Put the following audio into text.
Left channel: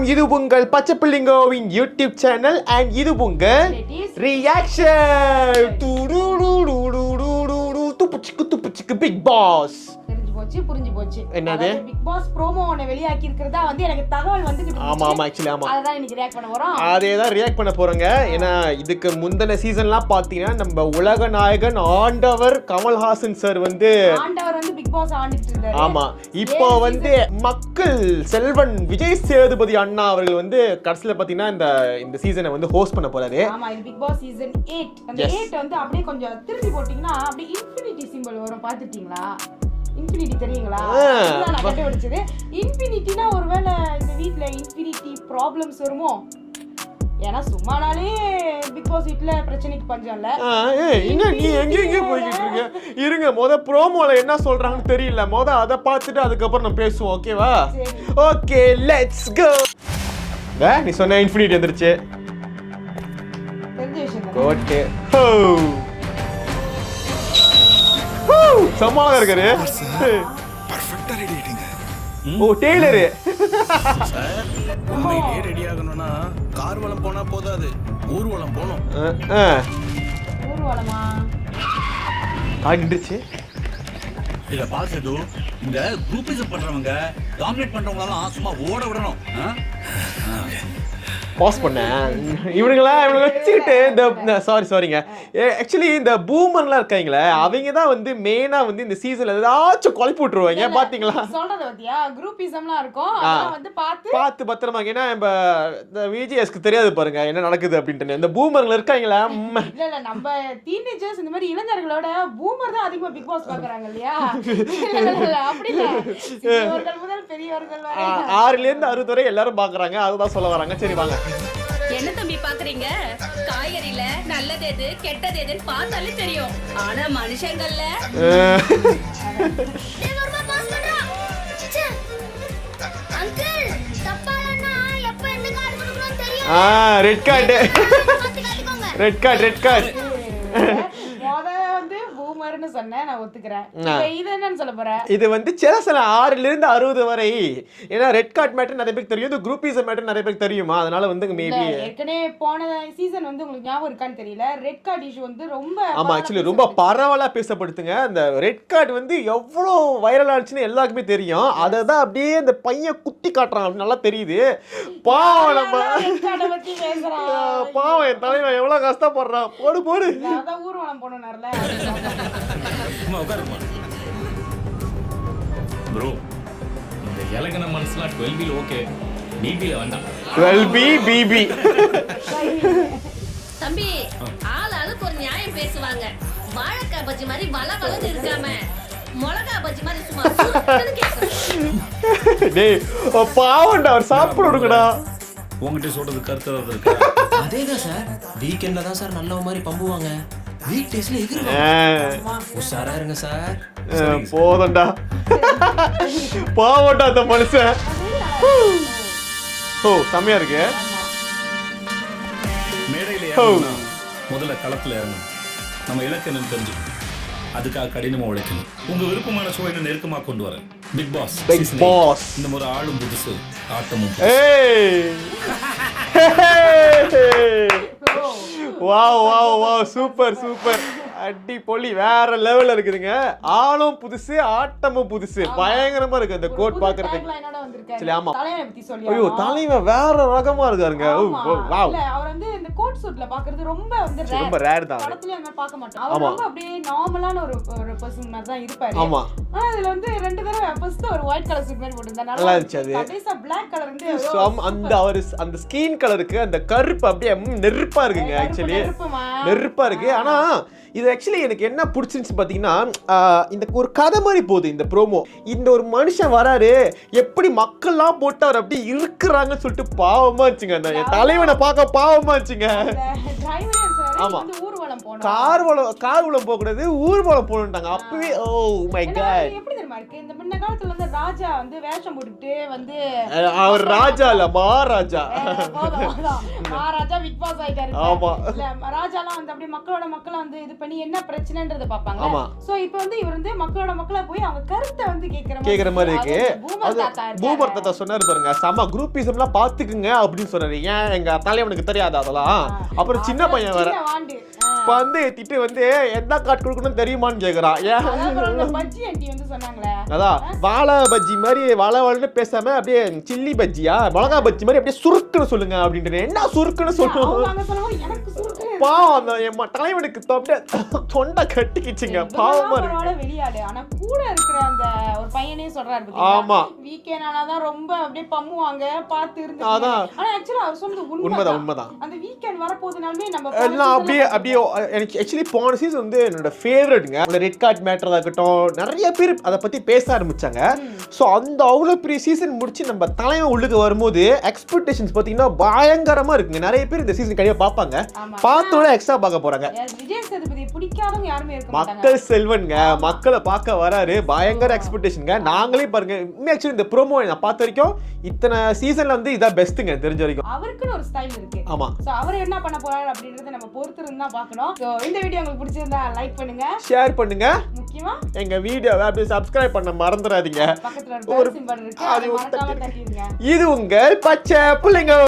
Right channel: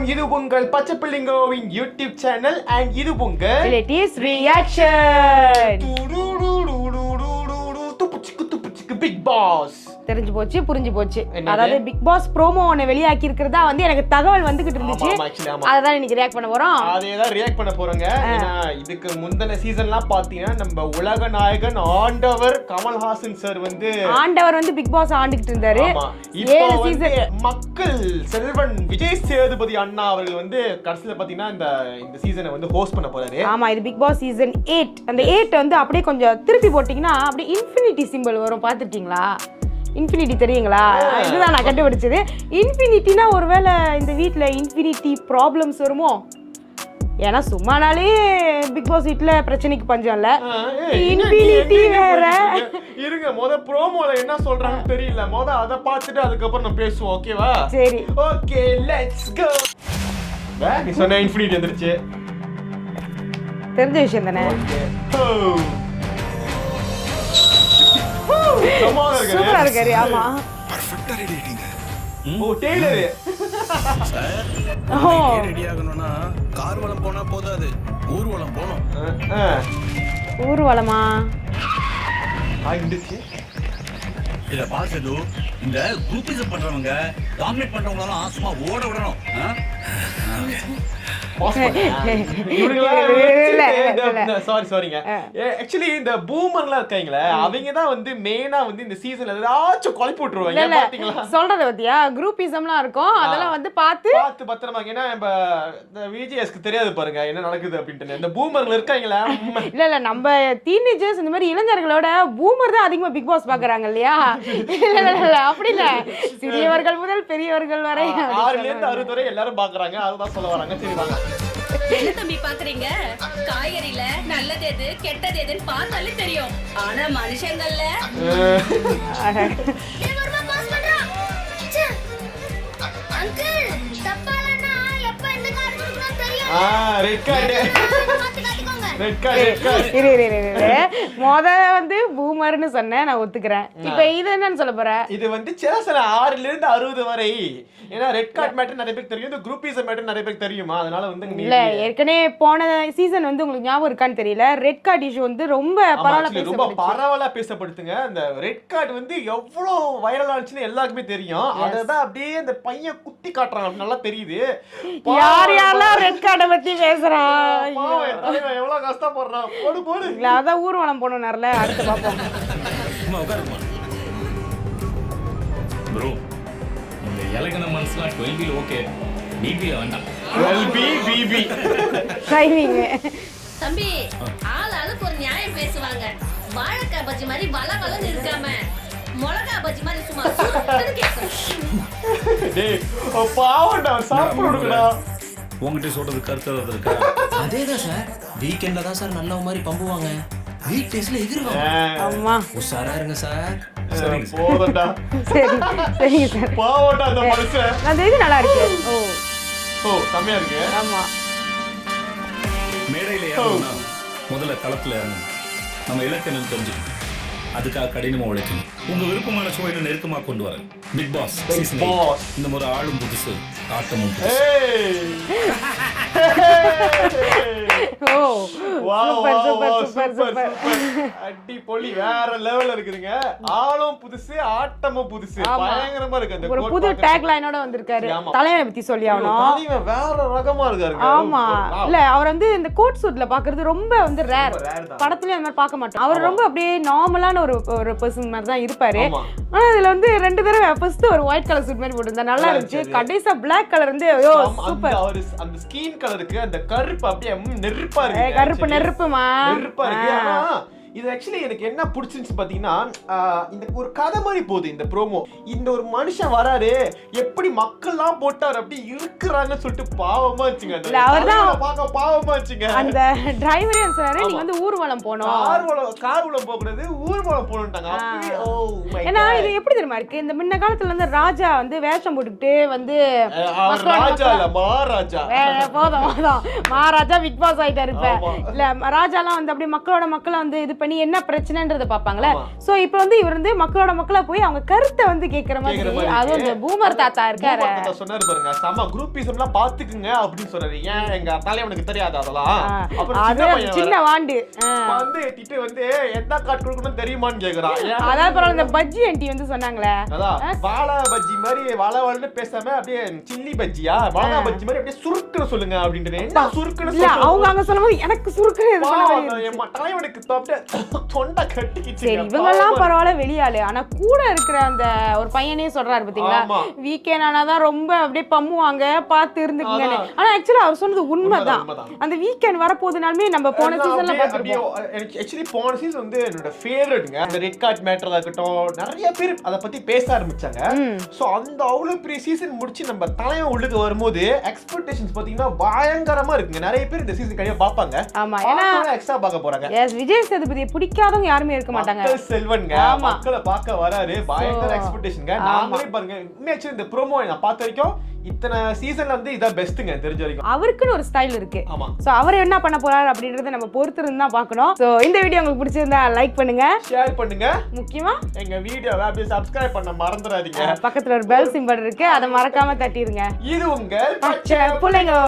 வணக்கம், இது உங்கள் பச்சை பிள்ளைங்கோவின் யூடியூப் சேனல் அண்ட் இது உங்கள் ரியாக்ஷன். துப்புச்சிக்கு பிக் பாஸ் தெரிஞ்சு போச்சு, புரிஞ்சு போச்சு. அதாவது பிக் பாஸ் ப்ரோமோ ஒன்னு வெளியாக்கி இருக்கிறதா வந்து எனக்கு தகவல் வந்துகிட்டு இருந்துச்சு. அதான் இன்னைக்கு ரியாக்ட் பண்ண போறோம். அதேதான் ரியாக்ட் பண்ண போறோங்க. ஏன்னா இதுக்கு முந்தின சீசன்லாம் பாத்தீங்கன்னா நம்ம உலக நாயகன் ஆண்டவர் கமல்ஹாசன் சார் வந்து பிக் பாஸ் ஆண்டுகிட்டு இருந்தாரு. ஆமா, இப்போ வந்து மக்கள் செல்வன் விஜய் சேதுபதி அண்ணா அவர்கள் வந்து கடைசியில பாத்தீங்கன்னா இந்த சீசனை வந்து ஹோஸ்ட் பண்ண போறாரு. ஆமா, இது பிக் பாஸ் சீசன் 8. அந்த 8 வந்து அப்படியே கொஞ்சம் திருப்பி போட்டீங்கன்னா அப்படியே இன்ஃபினிட்டி சிம்பிள் வரும். பாத்துட்டீங்களா? இன்ஃபினிட்டி தெரியுங்களா? இதுதான் நான் கண்டுபிடிச்சது. இன்ஃபினிட்டினா ஒருவேளை இந்த வீட்ல இன்ஃபினிட்டி ப்ராப்ளம்ஸ் வருமோ? ஏன்னா சும்மானாலே பிக் பாஸ் வீட்ல பிரச்சனைக்கு பஞ்சம் இல்ல. இருங்க, ப்ரோமோல என்ன சொல்றாங்கன்னு தெரியல. அத பார்த்துட்டு அதுக்கப்புறம் நம்ம பேசுவோம். ஓகேவா? சரி, ஓகே, லெட்ஸ் கோ. நீ சொன்ன இன்ஃபினிட்டி வந்துருச்சு. தெரிஞ்ச விஷயம் தானே. ஓகே, சமாளா இருக்குது. ஆமா, பர்ஃபெக்ட்டா ரெடி ஆயிட்டீங்க. ஓ, டெய்லர் சார், உண்மையிலே ரெடி ஆகணும்னா கார்வலம் போனா போதாது, ஊர்வலம் போணும். ஊர்வலமா? ஆகிடுச்சு. இத பாசது இந்த குரூப்பிசம் பண்றவங்க, டாமினேட் பண்றவங்களலாம் சும்மா ஓட விடணும். சாரிங்க. ஆக்சுவலி இந்த பூமர்லாம் இருக்காங்களே, அவங்க தான் வந்து மெயினா வந்து இந்த சீசன்ல ஏதாச்சும் குழப்பி விட்டுருவாங்க. பாத்தீங்களா சொல்றத பத்தியா? குரூப்பிசம்லாம் இருக்கும், அதெல்லாம் வந்து பார்த்து பத்திரமா. ஏன்னா இந்த விஜிஎஸ்க்கு தெரியாது பாருங்க என்ன நடக்குது அப்படின்ட்டு. இந்த பூமர்ல இருக்காங்களா? இல்ல நம்ம டீனேஜர்ஸ் இந்த மாதிரி இளைஞர்களோட பூமர் தான் அதிகமா பிக் பாஸ் பாக்குறாங்க இல்லையா? அப்படி இல்ல, சிறியவர்கள் முதல் பெரியவர்கள் வரை 6ல இருந்து 60 வரை எல்லாரும் பாக்குறாங்க. அதுதான் சொல்ல வராங்க. சரி வாங்க. என்ன தம்பி பாக்குறீங்க? காய்கறில நல்லது எது கெட்டது எதுன்னு பார்த்தாலே தெரியும். ஆனா மனுஷங்கள்ல அங்கிள் தப்பாலன்னா எப்ப எந்த கார்டு கொடுக்கணும் தெரியும். Red card, red card. வந்து பூமர்னு சொன்னேன், நான் ஒத்துக்கிறேன். இப்போ இது என்னன்னு சொல்ல போறேன்? இது வந்து சில 6ல இருந்து 60 வரை. ஏன்னா ரெட் கார்டு மேட்டர் நிறைய பேருக்கு தெரியும், இந்த குரூப்பிசம் மேட்டர் நிறைய பேருக்கு தெரியுமா? அதனால வந்து ஏற்கனவே போன சீசன் வந்து உங்களுக்கு ஞாபகம் இருக்கான்னு தெரியல, ரெட் கார்டு இஷ்யூ வந்து ரொம்ப பரவலா பேசப்படுத்துங்க. அந்த ரெட் கார்டு வந்து எவ்வளவு வைரல் ஆச்சுன்னு எல்லாருக்குமே தெரியும். அததான் அப்படியே அந்த பையன் குத்தி காட்டுறாங்க, நல்லா தெரியுது. ரெட் கார்டை பத்தி பேசுறான். பாவம், என் தலைவன் எவ்வளவு கஷ்டப்படுறான். போடு அதான் ஊர்வலம் போன நேரல. ப்ரோ, இந்த எலகன மனசுலாம் 12B ஓகே, BB வேண்டாம். 12B BB தம்பி, ஆளுக்கு ஒரு நியாயம் பேசுவாங்க. வாழைக்காய் பஜ்ஜி மாதிரி வளவளன்னு இருக்காம மிளகா பஜ்ஜி மாதிரி சும்மா சுத்தன்னு கேக்குறேன். டேய் பாவம்டா, சாப்பிடுடா. உங்ககிட்ட சொல்றது கருத்து ஏதாவது இருக்கா? அதேதான் சார், வீக்கெண்ட்ல தான் சார் நல்ல மாதிரி பம்புவாங்க, வீக் டேஸ்ல எகிருவாங்க. ஆமா, உஷாரா இருங்க சார். சரிங்க, போதடா. சரிங்க சார். பாவம்டா அந்த மனுஷன். அது நல்லா இருக்கு. ஓ, செமையா இருக்கு. ஆமா, மேடையில ஏறணும்னா முதல்ல களத்துல இறங்கணும். நம்ம இலக்கணம் தெரிஞ்சுக்கணும், அதுக்காக கடினமா உழைக்கணும். உங்க விருப்பமான ஷோ என்ன நெருக்கமா கொண்டு வரேன். Bigg Boss season 8. இந்த முறை ஆளும் புதுசு, ஆட்டமும் புதுசு. சூப்பர் அடிப்பொலி, வேற லெவல்ல இருக்குதுங்க. ஆளும் புதுசு, ஆட்டமும் புதுசு, பயங்கரமா இருக்கு. அந்த கோட் புது டேக் லைனோட வந்திருக்காரு. தலைவனை பத்தி சொல்லியானோ, தலைவன் வேற ரகமா இருக்காருங்க. ஆமா, இல்ல அவர் வந்து இந்த கோட் சூட்ல பாக்குறது ரொம்ப வந்து ரேர் தான். படத்துலயே அந்த மாதிரி பார்க்க மாட்டோம். அவர் ரொம்ப அப்படியே நார்மலான ஒரு பர்சன் மாதிரி தான் இருப்பாரு. ஆனா இதுல வந்து 2 தடவை ஃபர்ஸ்ட் ஒரு ஒயிட் கலர் சூட் மாதிரி போட்டுருந்தா நல்லா இருந்துச்சு. கடைசியா பிளாக் கலர் வந்து அந்த ஸ்கின் கலருக்கு அந்த கருப்பு அப்படியே நெருப்பா இருக்கு. நெருப்பா இருக்கு. ஆனா இது ஆக்சுவலி எனக்கு என்ன பிடிச்சிருந்துச்சு பாத்தீங்கன்னா, இந்த ஒரு கதை மாதிரி போகுது இந்த ப்ரோமோ. இந்த ஒரு மனுஷன் வராரு, எப்படி மக்கள்லாம் போட்டார் அப்படி இருக்கிறாங்கன்னு சொல்லிட்டு பாவமா இருந்துச்சுங்க. அந்த தலைவனை பார்க்க பாவமா இருந்துச்சுங்க. அந்த டிரைவரே சார், நீங்க வந்து ஊர்வலம் ஊர்வலம் போனோம். கார்வலம் போக கூடாது, ஊர்வலம் போகணும்ட்டாங்க. அப்பவே ஓ மை ஏன்னா காட். இது எப்படி தெரியுமா இருக்கு, இந்த முன்ன காலத்துல வந்து ராஜா வந்து வேஷம் போட்டுக்கிட்டு வந்து அவர் ராஜா இல்ல மகாராஜா. போதும் மகாராஜா பிக் பாஸ் ஆயிட்டாரு இப்ப. ஆமா. இல்ல ராஜாலாம் வந்து அப்படியே மக்கள வந்து இது பண்ணி என்ன பிரச்சனைன்றத பாப்பாங்களே. ஆமா. சோ இப்போ வந்து இவர் வந்து மக்கள போய் அவங்க கருத்தை வந்து கேக்குற மாதிரி அது இருக்கு. பூமர் தாத்தா இருக்காரு. பூமர் தாத்தா சொன்னாரு பாருங்க, சம குரூப்பிசம்லாம் பாத்துக்குங்க அப்படின்னு சொன்னாரு. ஏன் எங்க தலைவனுக்கு தெரியாது அதெல்லாம். அப்புறம் சின்ன பையன் சின்ன வாண்டு வந்து திட்டு வந்து எந்த காட் கொடுக்கணும் தெரியுமான்னு கேக்குறான். ஏன் அதாவது பரவாயில்ல, இந்த பஜ்ஜி ஆண்டி வந்து சொன்னாங்களே, அதான் வாழை பஜ்ஜி மாதிரி வளவளன்னு பேசாம அப்படியே சில்லி பஜ்ஜியா மிளகா பஜ்ஜி மாதிரி அப்படியே சுருக்குன்னு சொல்லுங்க அப்படின்ட்டு. என்ன சுருக்குன்னு இல்ல அவங்க சொல்லுங்க அங்க சொல்லும்போது எனக்கு சுருக்குன்னு என் தலைவனுக்கு தொண்டை கட்டிக்கிச்சுங்க. இவங்கெல்லாம் பரவாயில்ல வெளியாளு, ஆனா கூட இருக்கிற அந்த ஒரு பையனே சொல்றாரு பாத்தீங்களா, ஆமா. வீக்கெண்ட் ஆனாதான் ரொம்ப அப்படியே பம்முவாங்க பாத்து இருந்துக்கீங்க. ஆனா ஆக்சுவலா அவர் சொன்னது உண்மைதான். அந்த வீக்கெண்ட் வரப்போகுதுனாலுமே நம்ம போன எல்லாம் அப்படியே அப்படியே எனக்கு ஆக்சுவலி போன சீசன் வந்து என்னோட ஃபேவரட்ங்க. அந்த ரெட் கார்ட் மேட்டரா இருக்கட்டும், நிறைய பேர் அதை பத்தி பேச ஆரம்பிச்சாங்க. சோ அந்த அவ்வளவு பெரிய சீசன் முடிச்சு நம்ம தலைவன் உள்ளுக்கு வரும்போது எக்ஸ்பெக்டேஷன்ஸ் பாத்தீங்கன்னா பயங்கரமா இருக்குங்க. நிறைய பேர் இந்த சீசன் கண்டிப்பா பாப்பாங்க, பார்த்தோட எக்ஸ்ட்ரா பார்க்க போறாங்க. விஜய் சேதுபதியை பிடிக்காதவங்க யாருமே இருக்க மாட்டாங்க. மக்கள் செல்வன்ங்க, மக்களை பார்க்க வராரு, பயங்கர எக்ஸ்பெக்டேஷன்ங்க. நாங்களே பாருங்க, ஆக்சுவலி இந்த ப்ரோமோ நான் பார்த்த வரைக்கும் இத்தனை சீசன்ல வந்து இதான் பெஸ்ட்ங்க தெரிஞ்ச வரைக்கும். அவருக்குன்னு ஒரு ஸ்டைல் இருக்கு. ஆமா. சோ அவர் என்ன பண்ண போறாரு அப்படின்றத நம்ம பொறுத்து இருந்து தான் பார்க்கணும். சோ இந்த வீடியோ உங்களுக்கு பிடிச்சிருந்தா லைக் பண்ணுங்க, ஷேர் பண்ணுங்க, முக்கியமா எங்க வீடியோவை அப்படியே சப்ஸ்கிரைப் பண்ண மறந்துடாதீங்க. பக்கத்துல ஒரு பெல் சிம்பல் இருக்கு, அதை மறக்காம தட்டிடுங்க. இது உங்கள் பச்சை புள்ளைங்க.